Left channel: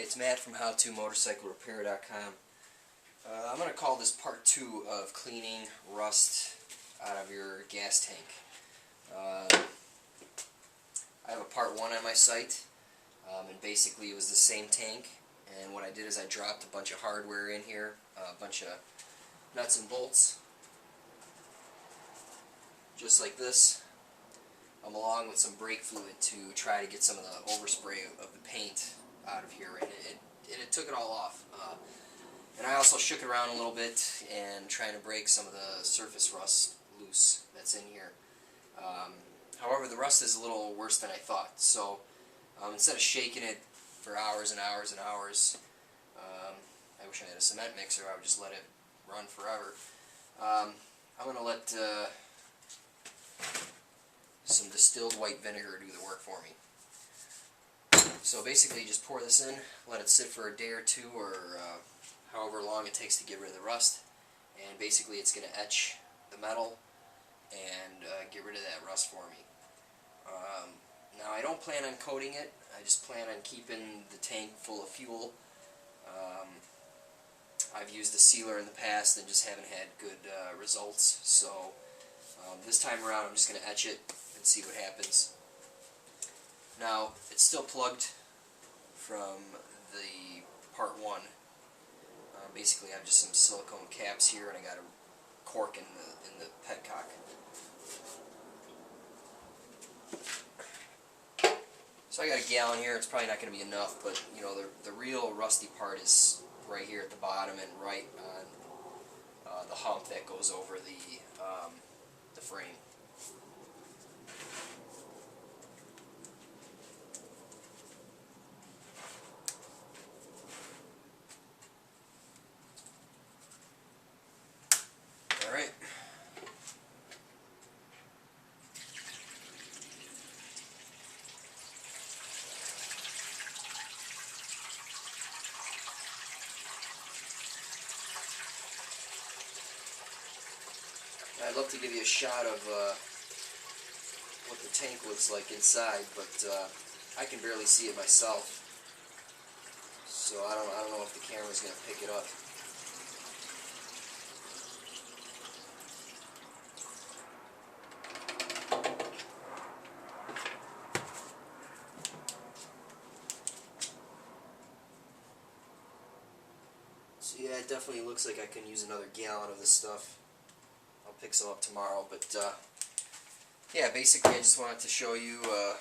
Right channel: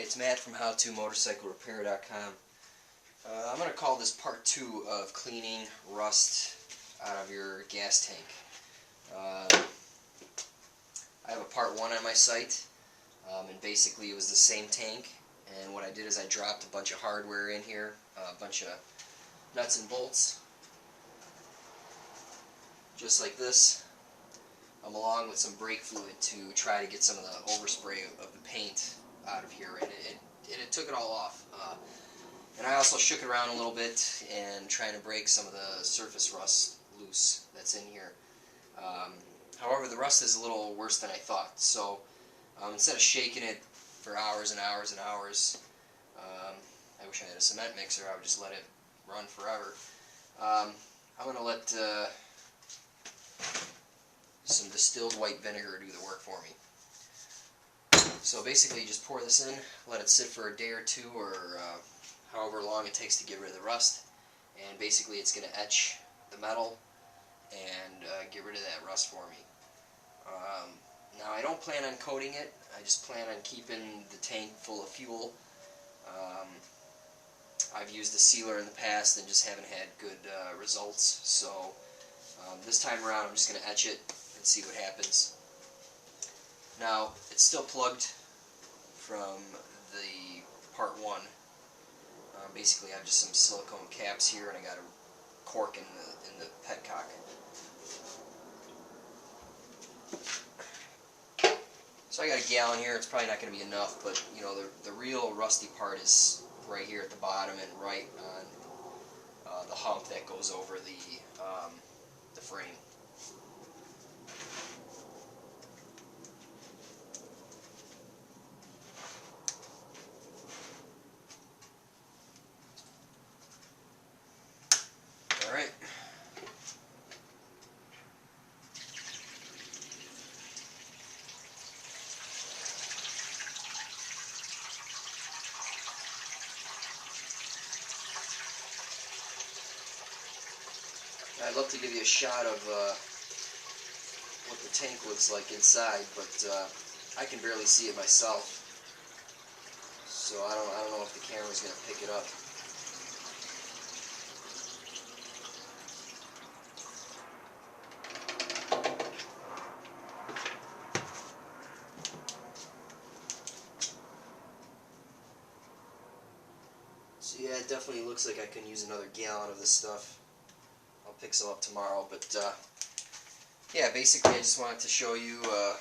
Hey, it's Matt from HowToMotorcycleRepair.com. I'm going to call this part 2 of cleaning rust out of your gas tank. I have a part 1 on my site, and basically it was the same tank, and what I did is I dropped a bunch of hardware in here, a bunch of nuts and bolts, just like this, along with some brake fluid to try to get some of the overspray of the paint out of here, and it took it all off. And I also shook it around a little bit and trying to break some of the surface rust loose that's in here. However, the rust is a little worse than I thought, so instead of shaking it for hours and hours and hours, I wish I had a cement mixer. I would just let it run forever. I'm going to let some distilled white vinegar do the work for me. So basically you just pour this in, let it sit for a day or two, or however long it takes to get rid of the rust, and basically it's going to etch the metal and get rid of that rust for me. Now I don't plan on coating it, I just plan on keeping the tank full of fuel. I've used a sealer in the past and just haven't had good results, so this time around I'm just going to etch it and see what happens. Now, it's still plugged from the part 1. Basically, I have just some silicone caps here, and I got a cork in the petcock. So I got a gallon here. It's probably not going to be enough, but you know, the real rusty part is right here at the bottom and right on the hump that goes over the frame. Alright. I'd love to give you a shot of what the tank looks like inside, but I can barely see it myself, so I don't know if the camera's going to pick it up. So yeah, it definitely looks like I can use another gallon of this stuff. I'll pick some up tomorrow, but yeah, basically I just wanted to show you a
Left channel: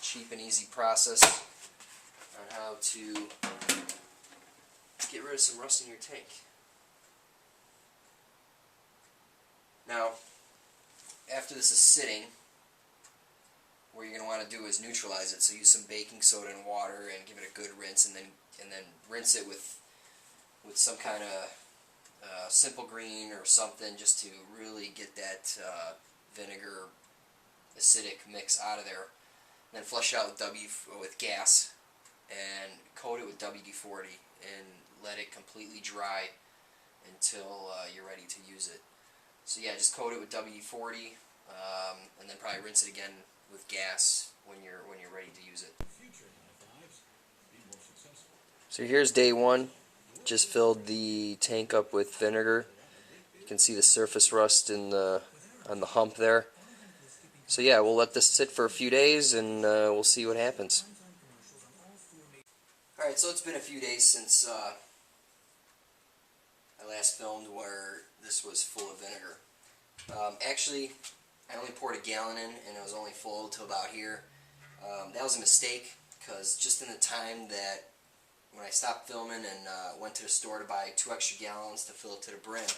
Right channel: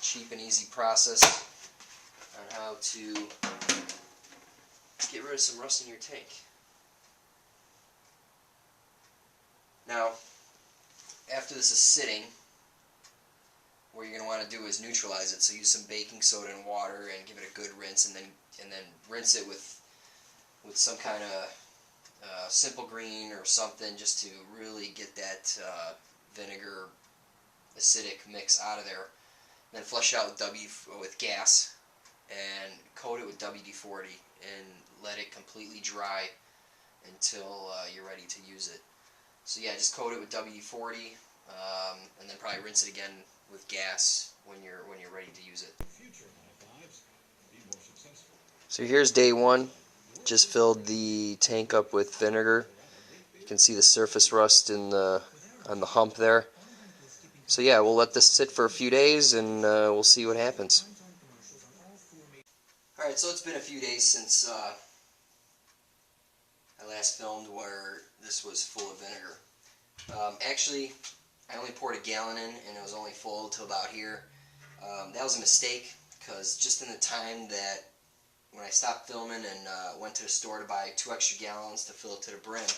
cheap and easy process on how to get rid of some rust in your tank. Now, after this is sitting, what you're going to want to do is neutralize it. So use some baking soda and water and give it a good rinse, and then rinse it with some kind of simple green or something, just to really get that vinegar acidic mix out of there. And then flush it out with gas and coat it with WD-40 and let it completely dry until you're ready to use it. So yeah, just coat it with WD-40 and then probably rinse it again with gas when you're ready to use it. So here's day 1. Just filled the tank up with vinegar. You can see the surface rust on the hump there. So yeah, we'll let this sit for a few days and we'll see what happens. Alright, so it's been a few days since I last filmed where this was full of vinegar. Actually, I only poured a gallon in and it was only full till about here. That was a mistake, because just in the time that when I stopped filming and went to the store to buy 2 extra gallons to fill it to the brim,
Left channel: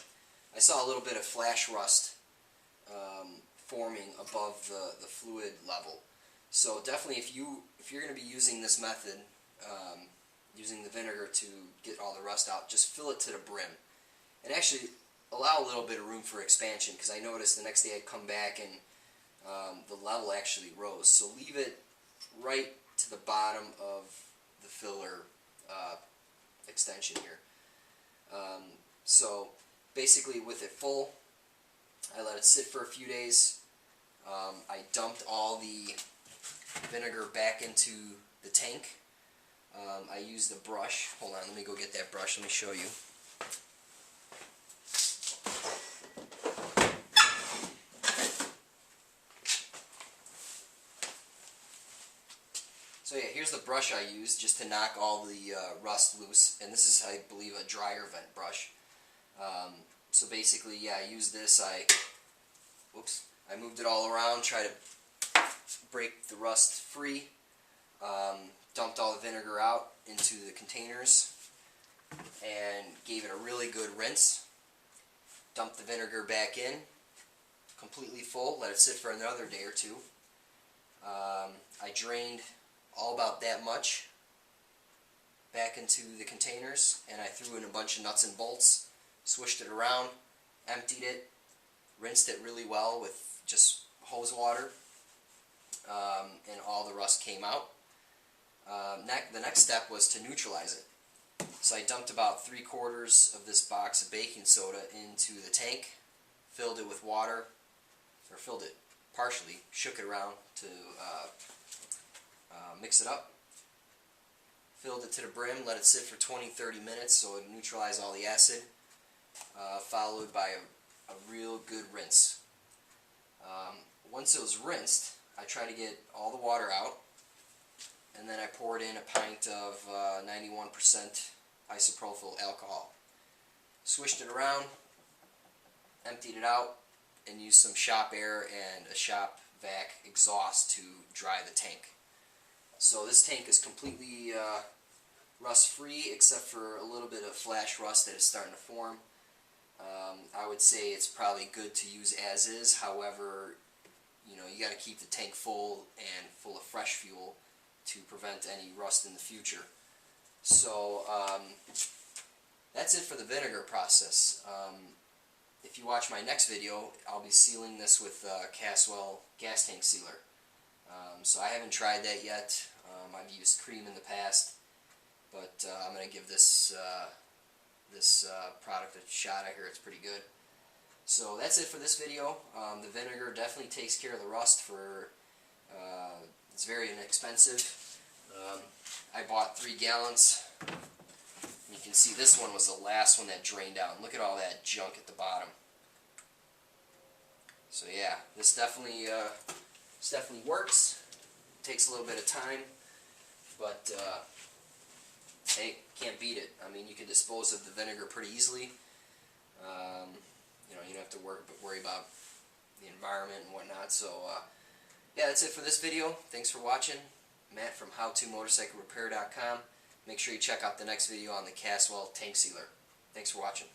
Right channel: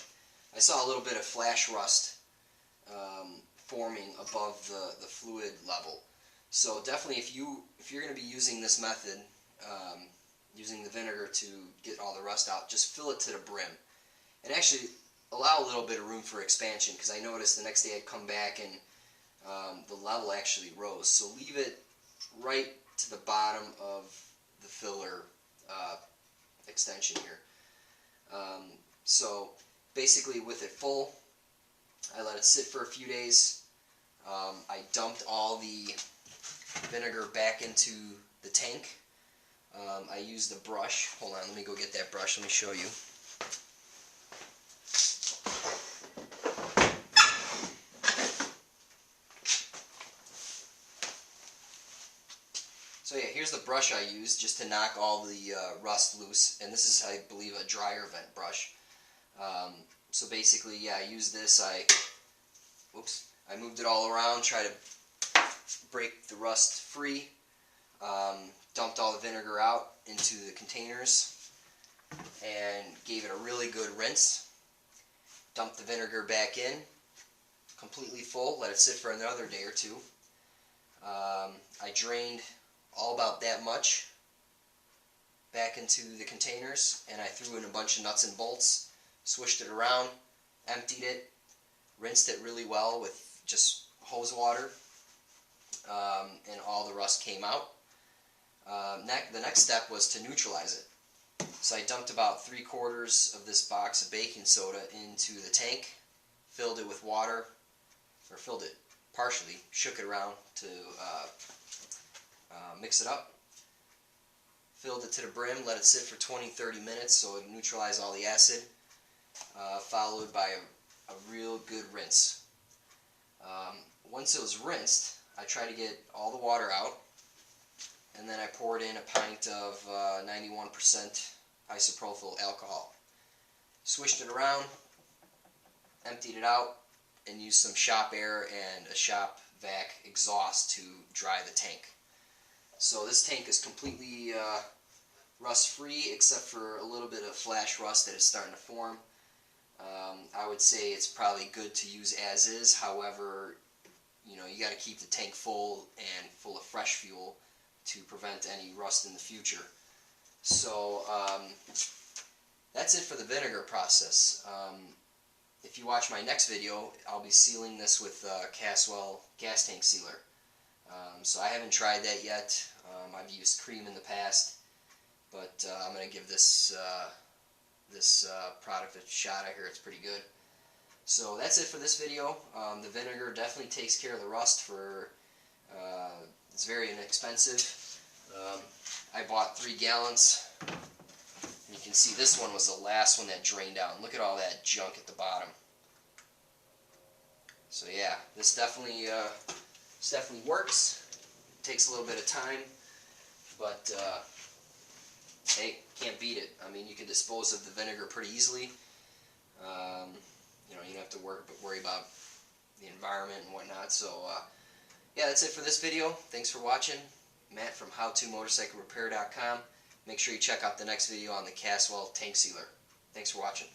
I saw a little bit of flash rust forming above the fluid level. So definitely, if you're going to be using this method, using the vinegar to get all the rust out, just fill it to the brim, and actually allow a little bit of room for expansion, because I noticed the next day I'd come back and the level actually rose. So leave it right to the bottom of the filler extension here. So basically, with it full, I let it sit for a few days. I dumped all the vinegar back into the tank. I used a brush. Hold on, let me go get that brush. Let me show you. So yeah, here's the brush I used just to knock all the rust loose, and this is, I believe, a dryer vent brush. So basically, yeah, I used this. I moved it all around, tried to break the rust free, dumped all the vinegar out into the containers, and gave it a really good rinse. Dumped the vinegar back in, completely full, let it sit for another day or two. I drained all about that much back into the containers, and I threw in a bunch of nuts and bolts, swished it around, emptied it, rinsed it really well with just hose water, and all the rust came out. The next step was to neutralize it. So I dumped about 3/4 of this box of baking soda into the tank, filled it with water, or filled it partially, shook it around to mix it up, filled it to the brim, let it sit for 20-30 minutes so it neutralized all the acid, followed by a real good rinse. Once it was rinsed, I tried to get all the water out, and then I poured in a pint of 91% isopropyl alcohol. Swished it around, emptied it out, and used some shop air and a shop vac exhaust to dry the tank. So this tank is completely rust-free, except for a little bit of flash rust that is starting to form. I would say it's probably good to use as is. However, you know, you got to keep the tank full and full of fresh fuel to prevent any rust in the future. So that's it for the vinegar process. If you watch my next video, I'll be sealing this with Caswell gas tank sealer. So I haven't tried that yet. I've used cream in the past, but I'm going to give this product a shot. I hear it's pretty good. So that's it for this video. The vinegar definitely takes care of the rust. It's very inexpensive. I bought 3 gallons. You can see this one was the last one that drained out. Look at all that junk at the bottom. So yeah, this definitely works. It takes a little bit of time, but hey, can't beat it. I mean, you can dispose of the vinegar pretty easily. You know, you don't have to worry about the environment and whatnot. So yeah, that's it for this video. Thanks for watching. Matt from HowToMotorcycleRepair.com. Make sure you check out the next video on the Caswell tank sealer. Thanks for watching.